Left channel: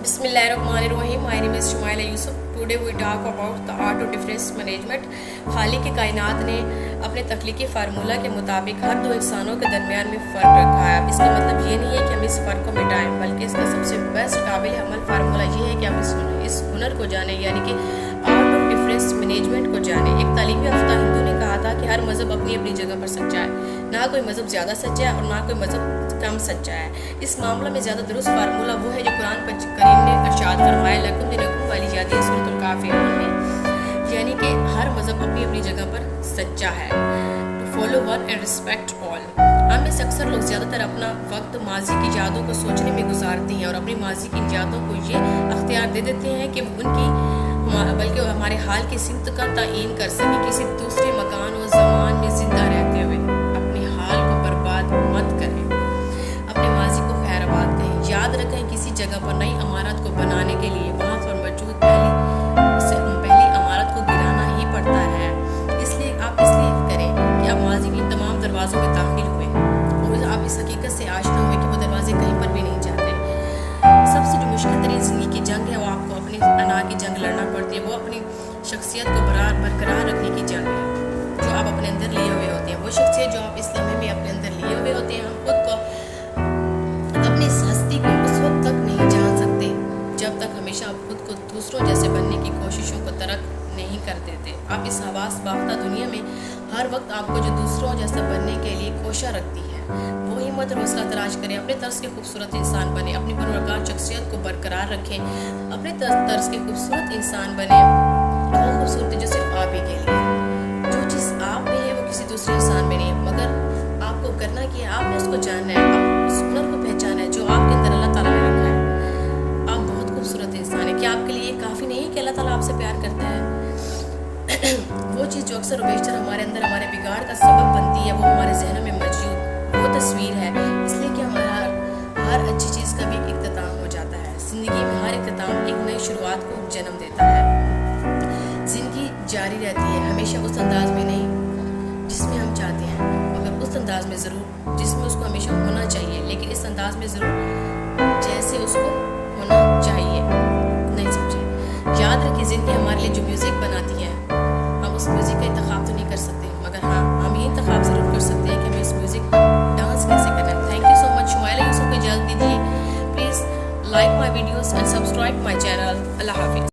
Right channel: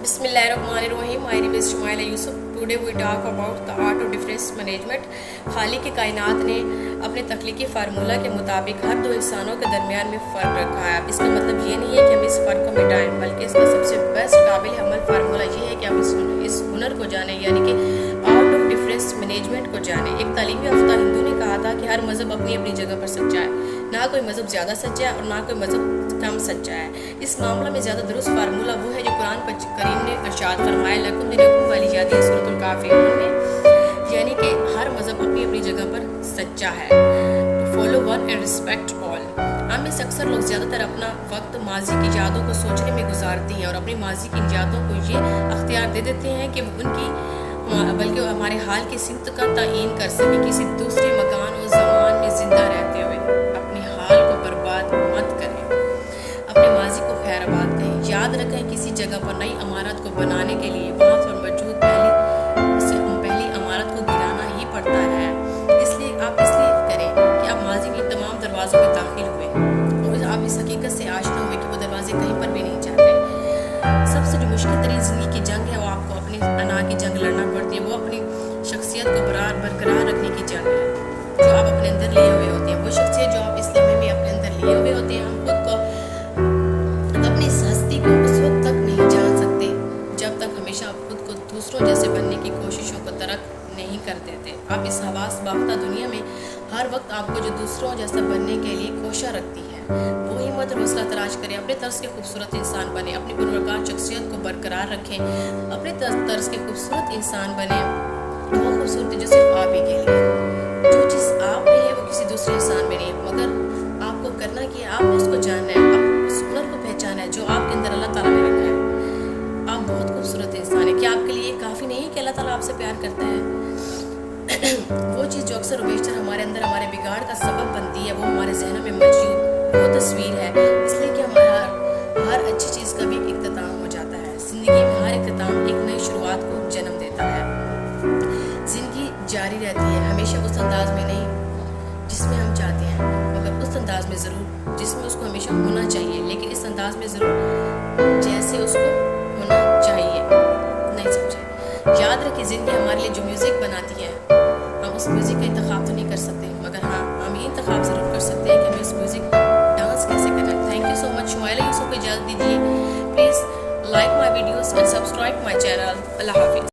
Bismillahirrahmanirrahim. My name is Shumaila Yusuf. Today we talk about the art of difference management. खालिक की कायनात ने अपने तख्लीकी formula के मुताबिक हर दो इंसानों के दरमियान में फ़र्क रखा है। इसका मतलब ये नहीं है कि हम इस फ़र्क को मिटाएं, बल्कि इसका सबसे बेस्ट काबिल अमल फार्मूला ये है कि हम इस हुनर को जानें, यानी कि आर्ट ऑफ डिफरेंस मैनेजमेंट को जानें। एक तालीम याफ्ता हिंदू ने कहा था कि हर मज़हब अपनी अपनी जगह पर सच्चा है, ना कोई मज़हब ज़्यादा सच्चा है और ना कोई मज़हब कम सच्चा है। इस मामला में ज़्यादा दुरुस्त फार्मूला वो है जो कुरान करीम ने इरशाद फरमाया, लकुम दिनुकुम वाली यादी सूरतुल काफिरून में, यानी कि हर मज़हब अपनी अपनी जगह पर सच्चा है। To follow one and respect all. हम में से अक्सर लोग ज़्यादातर अपना वक्त माजी की यादों को सोचने में गुजारते हैं और अपनी माजी की यादों को ये अख्तियार दे देते हैं कि बल्कि हमारे हाल की सिमत का तयीन कर सके। किसी दूसरे मकान और ज़मान में ज़िंदा रहते हुए अपने हाल को बर्बाद मत करें, अपने माजी को खैराबाद कहें। याद रखें, किसी जगह पर नई इमारत को बनाने के लिए वहाँ पर मौजूद पहली इमारत को गिराना ही पड़ता है। इसलिए करें कि आप माजी के तमाम दरवाज़ों में दाखिल हुए और आप इस हकीकत से आशना हुए कि वो दरवाजे कहीं पर भी नहीं जाते। सबसे जो मुश्किल तरीन ज़िंदगी की जंग है वो आपको अपनी अना की जंग लड़ना पड़ती है। वो अपनी शख्सियत को बरकरार रखने की जंग है जो आप अपने अंदर लिए हुए होते हैं। वो शख्सियत जो आप इस लम्हे में अपने अंदर लिए हुए होते हैं, हम खुद को अपनी इस हस्ती को उस वक्त तक नहीं जान सकते जब तक हमेशा आप खुद को दूसरों जैसे बनने की कोशिशों को तर्क नहीं कर देते। आप इस हवास बाख्ता दुनिया में हर वक्त आपको जो दूसरों जैसा बनने के लिए कोशिश रखती है, वो हिम्मत और हौसला तलाश करें। अपने तर्ज के खूबसूरत इंसान बने, अपनी पुरवकार शख्सियत को बरकरार रखें। अपने तर्ज के खूबसूरत इंसान बने, वो खूबसूरती जो सिर्फ आप ही के लिए। जो चीज़ आप में है वो किसी दूसरे इंसान में नहीं है, मगर आपको करना कि आपने उसको जानना है, आप उस हुनर को पहचाना है जो आपके अंदर अल्लाह ताला ने रखा है। आप बहुत खूबसूरत इंसान है। क्या आपके लिए काफ़ी नहीं है कि अल्लाह ताला आपसे प्यार करता है? वो चीज़ जो अक्सर बेशतर हमारे अंदर हमारे बिगाड़ का सबब बनती है, वो हमारे जहनों में मौजूद वो तस्वीर है। इसलिए कि हमारा हर अच्छी चीज़ का भी एक इख्तिताम हो जाता है। ज़िंदगी में हर इख्तिताम एक नई शुरुआत को जन्म देता है। ज़िंदगी जारी रहती है, हमेशा उस अंदाज में नहीं जिसमें हम चाहते हैं, मगर उस अंदाज में ज़रूर जिसमें उसको हमेशा होना चाहिए, लेकिन इस अंदाज में ज़रूर जैसे उसको होना चाहिए। नहीं समझे? याद रखिए, ज़िंदगी हमारे लिए जो म्यूज़िक बनाती है, हम उस म्यूज़िक का इंतखाब तो नहीं कर सकते, मगर हाँ, हम ये इंतखाब ज़रूर कर सकते हैं कि हमें उस म्यूज़िक पर डांस कैसे करना है। Thank you so much. Shumaila Yusuf को इजाज़त दीजिए। Please like my videos and subscribe my channel. अल्लाह हाफिज़।